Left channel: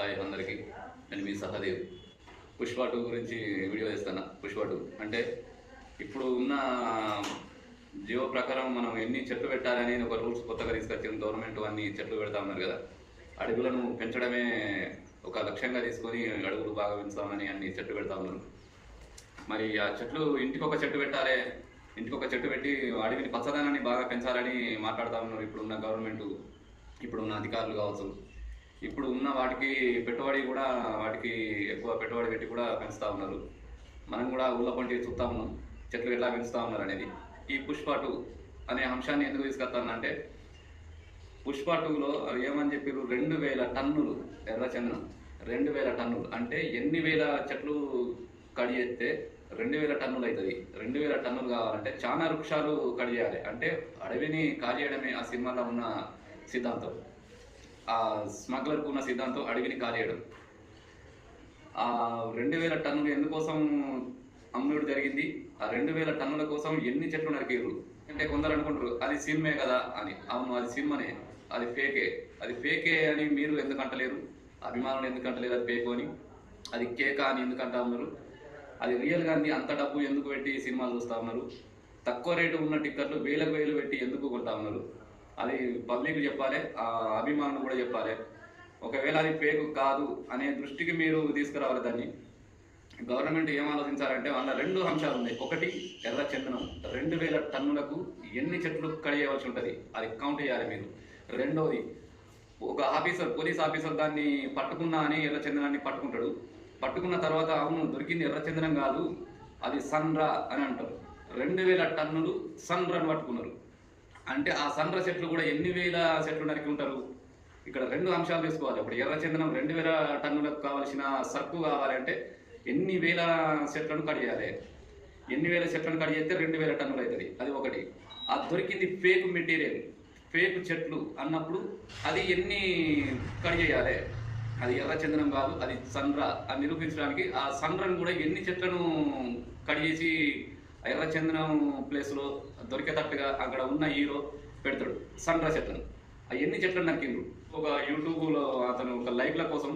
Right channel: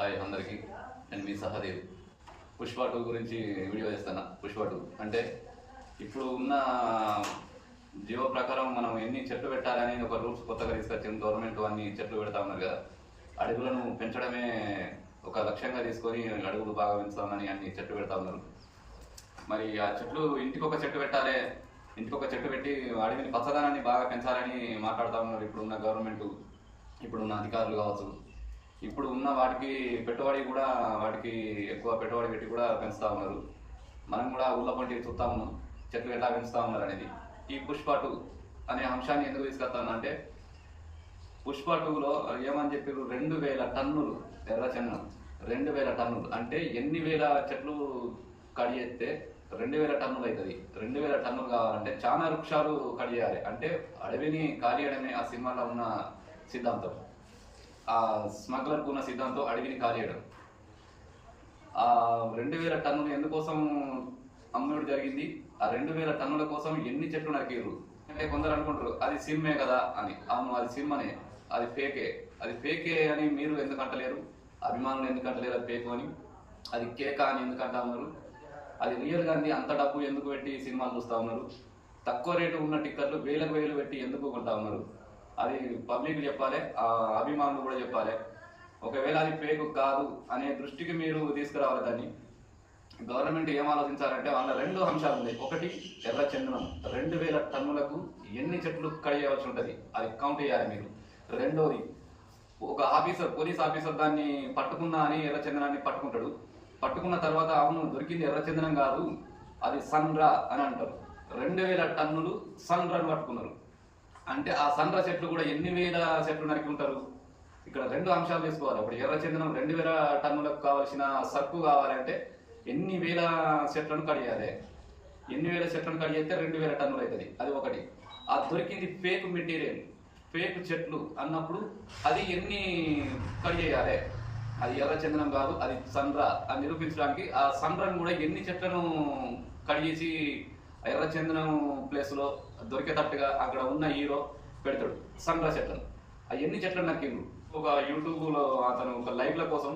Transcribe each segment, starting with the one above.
Hi అందరికీ, నేను మీ సహదేవ్. పుష్ప 2 గురించి వీడియో చేస్తాను. పుష్ప 2 అంటే ఇప్పుడు ఉన్న జీవో ప్రకారం మనం ఎన్ని చెట్లు పెట్టాలని ఒక రూల్స్ కొత్తగా తీసుకొచ్చింది గవర్నమెంట్. అన్ని చెట్లు పెడతా ఉన్నారు కదా, అడవులను పెంచడమే ఒక లక్ష్యంగా తీసుకొని అడవులు బాగా పెంచుతామని అన్ని చెట్లు పెడతా ఉన్నారు. మరి ఆ చెట్లు ఇంటికి ఒక చెట్టు పెట్టాలి, ఇంటికి ఒక చెట్టు పెట్టి అడవిని పచ్చదనాన్ని బాగా పెంచాలని మాట్లాడుతూ ఉన్నారు ఇప్పుడున్న గవర్నమెంట్, ఇప్పుడున్న అధికారులు కావచ్చు. ఇప్పుడు ఉన్న వాటికి పెట్టుబడి కూడా వాటికి ఎక్కువ పెట్టుబడి పెట్టి కూడా పెంచుతూ ఉన్నారు. మనం కూడా ఊళ్ళో పంటి చూస్తూ ఉన్నాం చెట్లు ఎలా పెంచుతూ ఉన్నారు అనేది. ఈ పుష్ప 2 అనే అంశాన్ని ఎందుకు తీసుకొస్తానంటే, పుష్ప 2లో ఏమని చెప్పారు, 2000 టన్నులు ఎర్రచందనం. 2000 టన్నులు అంటే ఎన్ని వేల చెట్లు కడి చేస్తే 2000 టన్నులు అవుతుంది. 2000 టన్నులు కావాలంటే చాలా వృక్షాలు కడి చేయాలి. అంటే అడవిని ఖాళీ చేయడమే ఆ సినిమాలో ఉన్న సిద్ధాంతం. ఆ స్మగ్లర్కు ఉన్న సిద్ధాంతం అడవిని కాలేయడం. ఆ 2000 టన్నులు ఎందుకోసం అమ్ముడు జరిగింది? ఆ 2000 టన్నుల కోసం ఎన్ని చెట్లు నరికేరు అంటే కొందరు అనుకుంటారు అది సినిమే కదా అని. అవును, అది సినిమానే, అది ఫేకే. అది ఫేకే అని మీరు ఎందుకు అంటలేరు? అభిమానులు ఎందుకు అంటలేరు అది ఫేక్ అని? అది కేకా అని ఎందుకు అంటా ఉన్నారు? అది రియల్గా అంత డబ్బు ఎందుకు పెట్టి సినిమాలు చూస్తూ ఉన్నారు? తక్కువ రేటు ఉన్న టిక్కెట్లు వేలకు వేలు పెట్టి ఎందుకు కొంటా ఉన్నారు? అది పబ్లిక్ చెప్పాలి, అభిమానులు కూడా చెప్పాలి. ఒకవేళ అది ఫేక్ కాదు అనే దృష్టికి మీరు తీసుకురావాలి దాన్ని. గవర్నమెంట్ ఏం ఆలోచించాలంటే వాళ్ళ 2 అంశాలు ఉన్నాయి. ఒకటి, ఎర్రచందనం 2000 టన్నులకు ఎన్ని చెట్లు కడియవలసి ఉంటుంది, అది కౌంట్ చేయాలి మీరు. రెండోది, ఒక ఆఫీసర్, పోలీస్ ఆఫీసర్ దాన్ని పట్టుకున్నా అని ఎర్రచందనాన్ని పట్టుకుంటాడు. పట్టుకున్న తర్వాత అవును దొరికింది ఎర్రచందనం కాదు, అది సన్రా అని అంటారు. 2000 టన్నులు సన్రాని పట్టుకున్నారు అంటే ఆ సన్ర చెట్లు కూడా ఎన్ని వేల చెట్లు నరికి ఉంటారు. ఇక్కడ 2 అంశాలు తీసుకోవాలి. ఇప్పుడు ఎర్రచందనం 2000 టన్నులకు కావాల్సిన సరుకు కావాలంటే ఎన్ని వేల చెట్లను కడియాలి, ఎన్ని వేల చెట్లను కడిగితే 2000 టన్నులు అవుతుంది. అది ఒకటి. ఆ దొరికింది ఫేక్ మెటీరియల్, ఫేక్ చెట్లు అన్నప్పుడు అది ఎన్ని కడిగేయాలి, అది ఎర్రచందనం కాదు అది సన్రా అని నిరూపించడానికి ఆ సన్రం కూడా ఎన్ని చెట్లను కడిగేసి ఎర్రచందనం ప్లేస్లో దొరికేటట్టుగా అక్కడ ఉన్న హీరో పెడతాడు సన్రా చెట్లను. ఎన్ని చెట్లు నరికిండ్రు. ఒక యూట్యూబ్లో అతను ఒక లైవ్ల కోసం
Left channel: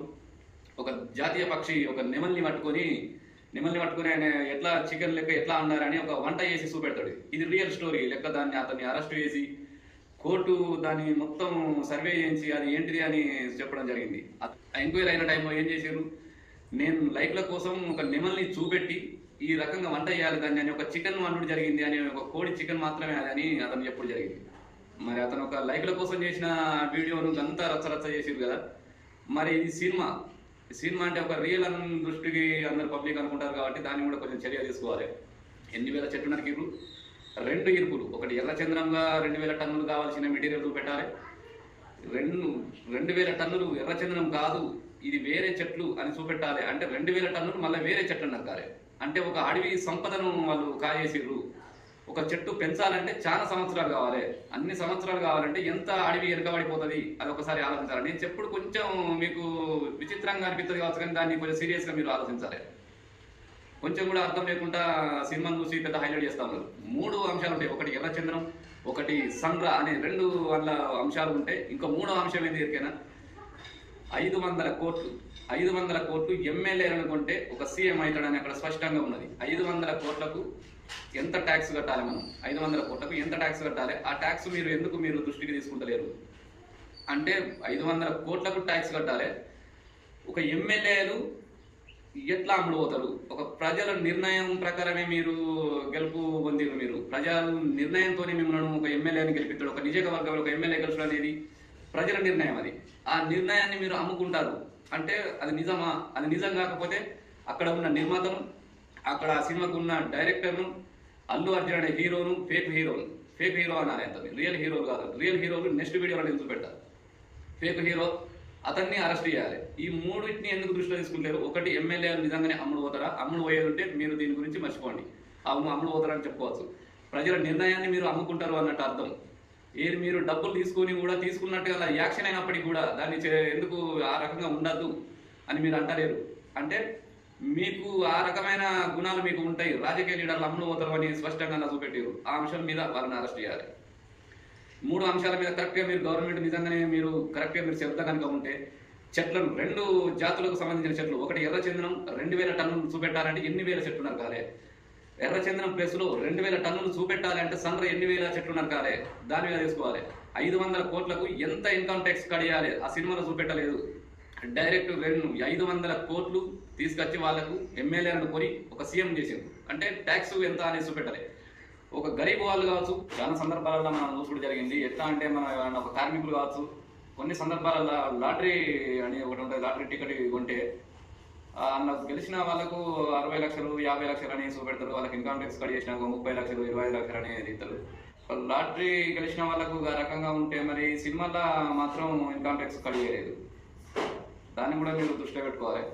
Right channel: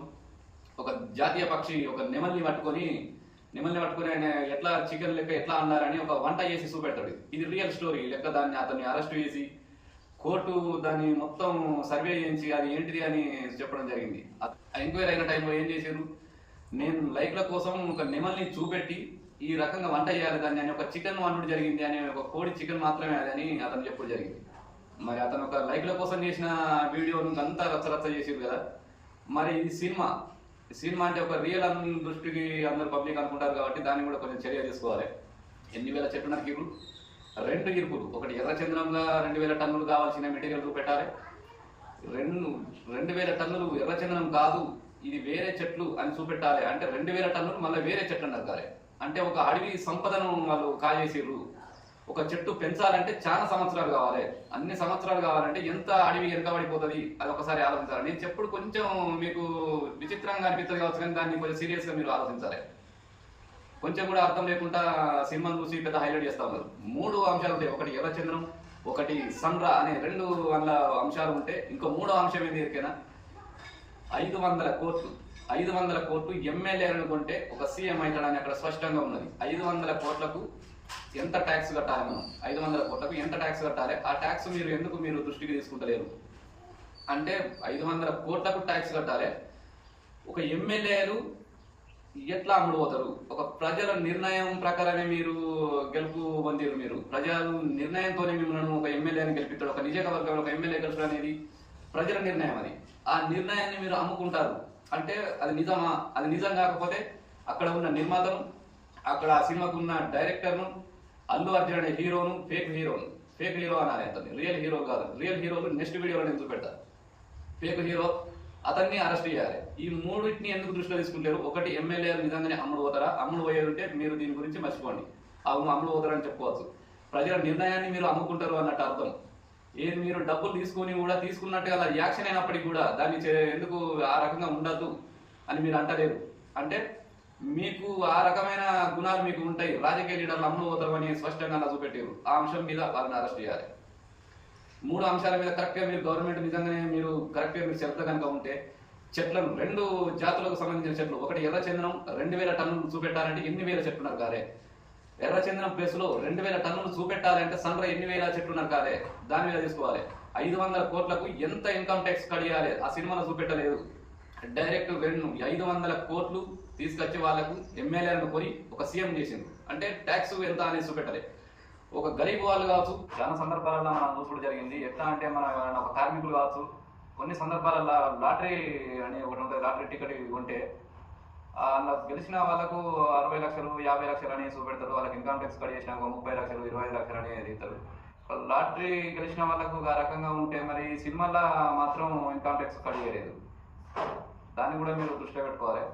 ఒక జాతీయ పక్షి ఒక నెమల్ని పట్టుకొని ఆయన ఎట్లా చికెన్ లెక్క ఎట్లా అన్నారని ఒక వంట చేసి చూపెడతాడు. ఇది రియల్ స్టోరీ లెక్క. దాన్ని అతన్ని అరెస్ట్ చేసి కోర్టు దాన్ని మొత్తం సర్వే చేయించి అది ఏంటిది అని చెప్పడం జరిగింది. ఎంక్వైరీ అయిన టైంలో ఏం చేశారు, నేను లైవ్ల కోసం ఒక నెమల్ని చూపెట్టి ఈ రకంగా వంట చేయాలి దాన్ని అని ఒక చికెన్ వండుడు జరిగింది అని, ఒక కోడి చికెన్ మాత్రమే అదని అతను ఎప్పుడు జరిగింది. మరి అతను ఒక లైవ్ల కోసం చేసిన వీడియోను అంతా రచ్చరచ్చ చేసారు కదా. మరి ఇది సినిమా అంటే ఒక రియల్ దృష్టికి అందరు పబ్లిక్ అనుకుంటారు కాబట్టి దాన్ని కూడా కొంచెం చర్య తీసుకోవాలి. ఎన్ని వేల చెట్లు నరికిరు, 2 ఇరుపులు. ఒకటి ఎర్రచందనంగా 2000 టన్నులు కావాల్సిన మెటీరియల్ పెట్టాలి. 2000 టన్నులు ఎర్రచందనం కాదు ఇది వేరే చెట్లు అని చూపెట్టాలి. అంటే 2000 టన్నులు మళ్ళీ వేరే చెట్లు నరకాలి. అంటే ఒక అడవి సంపదను వాళ్ళు కాజేసిర్రు. ఒక చెట్టు పెంచాలంటే చాలా సంవత్సరాలు కావాలి. అన్ని సంవత్సరాలు కావాలంటే ఎంత అడవి వెనకబడిపోతుంది, అది ఒకసారి ఆలోచించాలి. నేను చెప్పుడు కొంచెం మీకు విచిత్రంగా అనిపిస్తుంది కావచ్చు, కానీ దాన్ని కొంచెం సీరియస్గా మీరు ఆలోచించాలి. కొంచెం కూడా అర్థం లేకుండా సినిమాను చూసి పెద్ద హైలైట్ చేస్తూ ఉన్నారు. 3 అంశాలు ఉంటాయి. ఒకటి ఎర్రచందనం, ఒకటి సన్రా అనే 2 అంశాలు ఉంటే ఇంకో 3వ అంశం ఏంటి ఎరికైనా, 500 కోట్లు ఎమ్మెల్యేలు అనుకుంటే ఒక సీఎం అవుతాడని అక్కడ స్పష్టంగా ఉన్నది. 500 కోట్లకు ఎంత ట్యాక్స్ కట్టాలి మనం, 500 కోట్లకు ఎంత ట్యాక్స్ కట్టాలి, ఆ ట్యాక్స్ మీరు దృష్టికి తీసుకుంటలేరు. అంటే 500 కోట్లకు ట్యాక్స్ కట్టాలి. ఒక ఎమ్మెల్యేలు ఎట్లా అమ్ముడు పోతారు? ఒక ప్రజల నిర్ణయం ప్రకారమే మీరు గెలుపు పొందిరు. మీరు ప్రజల నిర్ణయంతో మిమ్మల్ని ఒక ఎమ్మెల్యేని గెలిపిస్తాడు. ఒక నియోజకవర్గంలో ఒక ఎమ్మెల్యే గెలుచడం అనేది ప్రజల నిర్ణయం. అది ఆ నిర్ణయాన్ని మీరు అమ్ముకుంటారు అంటే అది నిజమా? అది నిజం కాకపోతే అక్కడ ఉన్న నిర్మాతను, అక్కడ ఆ సినిమాకు ఉన్న డైరెక్టర్ను, అల్లు అర్జున్ అనే హీరోను ఫేక్ హీరో అనాలి. అతన్ని రియల్ హీరో కాదు. రియల్ హీరోలు నెక్స్ట్ వీడియోలో నేను చూపెడతాను. ఫేక్ హీరో అతన్ని అరెస్ట్ చేయాలి. ఈ 3ని ఎందుకు దృష్టిలో తీసుకుంటారు? ఒకటి, ఎమ్మెల్యేలు నిజంగానే అమ్ముడు పోతారా? అమ్ముడు పోయేది ఉంటే మీరు దీని గురించి మర్చిపోండి. అవును అమ్ముడు పోతారని చెప్పుకోవచ్చు. ప్రజల నిర్ణయాన్ని మీరు అమ్ముకుంటారు అన్నట్టు అర్థం. ఏది మీరు డబ్బులు తీసుకొని కూడా తీసుకున్నట్టుగా అది యాక్షన్ అయినప్పటికీ కూడా దాన్ని ఎందుకు ఆ రకంగా ఉండద్దు అని మీరు అంటలేరు. అంటే మీకు ఆ రకమైన గుణాలు మీకు ఉంటాయి. రాజకీయ లీడర్లు అమ్ముడు పోతారు అని స్పష్టంగా చూపెట్టారు. ఆ అంశం మీద వాళ్ళని అరెస్ట్ చేయాలి. 3 అంశాల మీద కరెక్ట్గా మీరు గవర్నమెంట్ నిజంగానే మీరు కరెక్ట్గా మీరు చెప్తా కనుక ఉంటే చెట్లను 2 జాతులకు సంబంధించిన చెట్లు, ఒకటి ఎర్రచందనం 2000 టన్నులు చూపెట్టాలంటే ఎన్ని వేల చెట్లు నరకాలి? ఎర్రచందనం ప్లేస్లో 2000 టన్నులు చూపెట్టాలి అంటే సన్ర ఎన్ని వేల చెట్లు నరకాలి? దాని మీద తీసుకోవాలి. 500 కోట్లకు ఎంత ఇన్కమ్ ట్యాక్స్ కడియాలి? ఆ సినిమాలో చూపెట్టలేదు. డైరెక్ట్ 500 కోట్లు తీసుకొచ్చి వాళ్ళకు ఎమ్మెల్యేలను కొని ఒక సీఎం చేసింది. అంటే ట్యాక్స్ ఎంత అనేది చూపెట్టాలి. ఒక గరీబ్ వాళ్ళు కావచ్చు, చాలా సందర్భాలలో మనం చూసుకుంటూ జరిగింది. ఎట్లా అంటే మన ఒక కార్మికులు కావచ్చు, కొన్ని సందర్భాలలో లాటరీ అని ఒకటి ఉంటుంది, లాటరీ టికెట్ కొంటే అలా గెలిచిన వాళ్ళకు 60 లక్షలు 50 లక్షలు అని చూపెడతారు. వాళ్ళకి ఇన్కమ్ ట్యాక్స్ కట్ చేసినాక 30 లక్షలు 25 లక్షలు అనేది ఇస్తారు. లాటరీ గెలిచిన వాళ్ళకు ఆ రకంగా ఉంటే మరి సినిమాలో మాత్రం ఇన్కమ్ ట్యాక్స్ కట్ చేయలేదు. దాన్ని కూడా మీరు దృష్టిలో పెట్టుకోవాలి.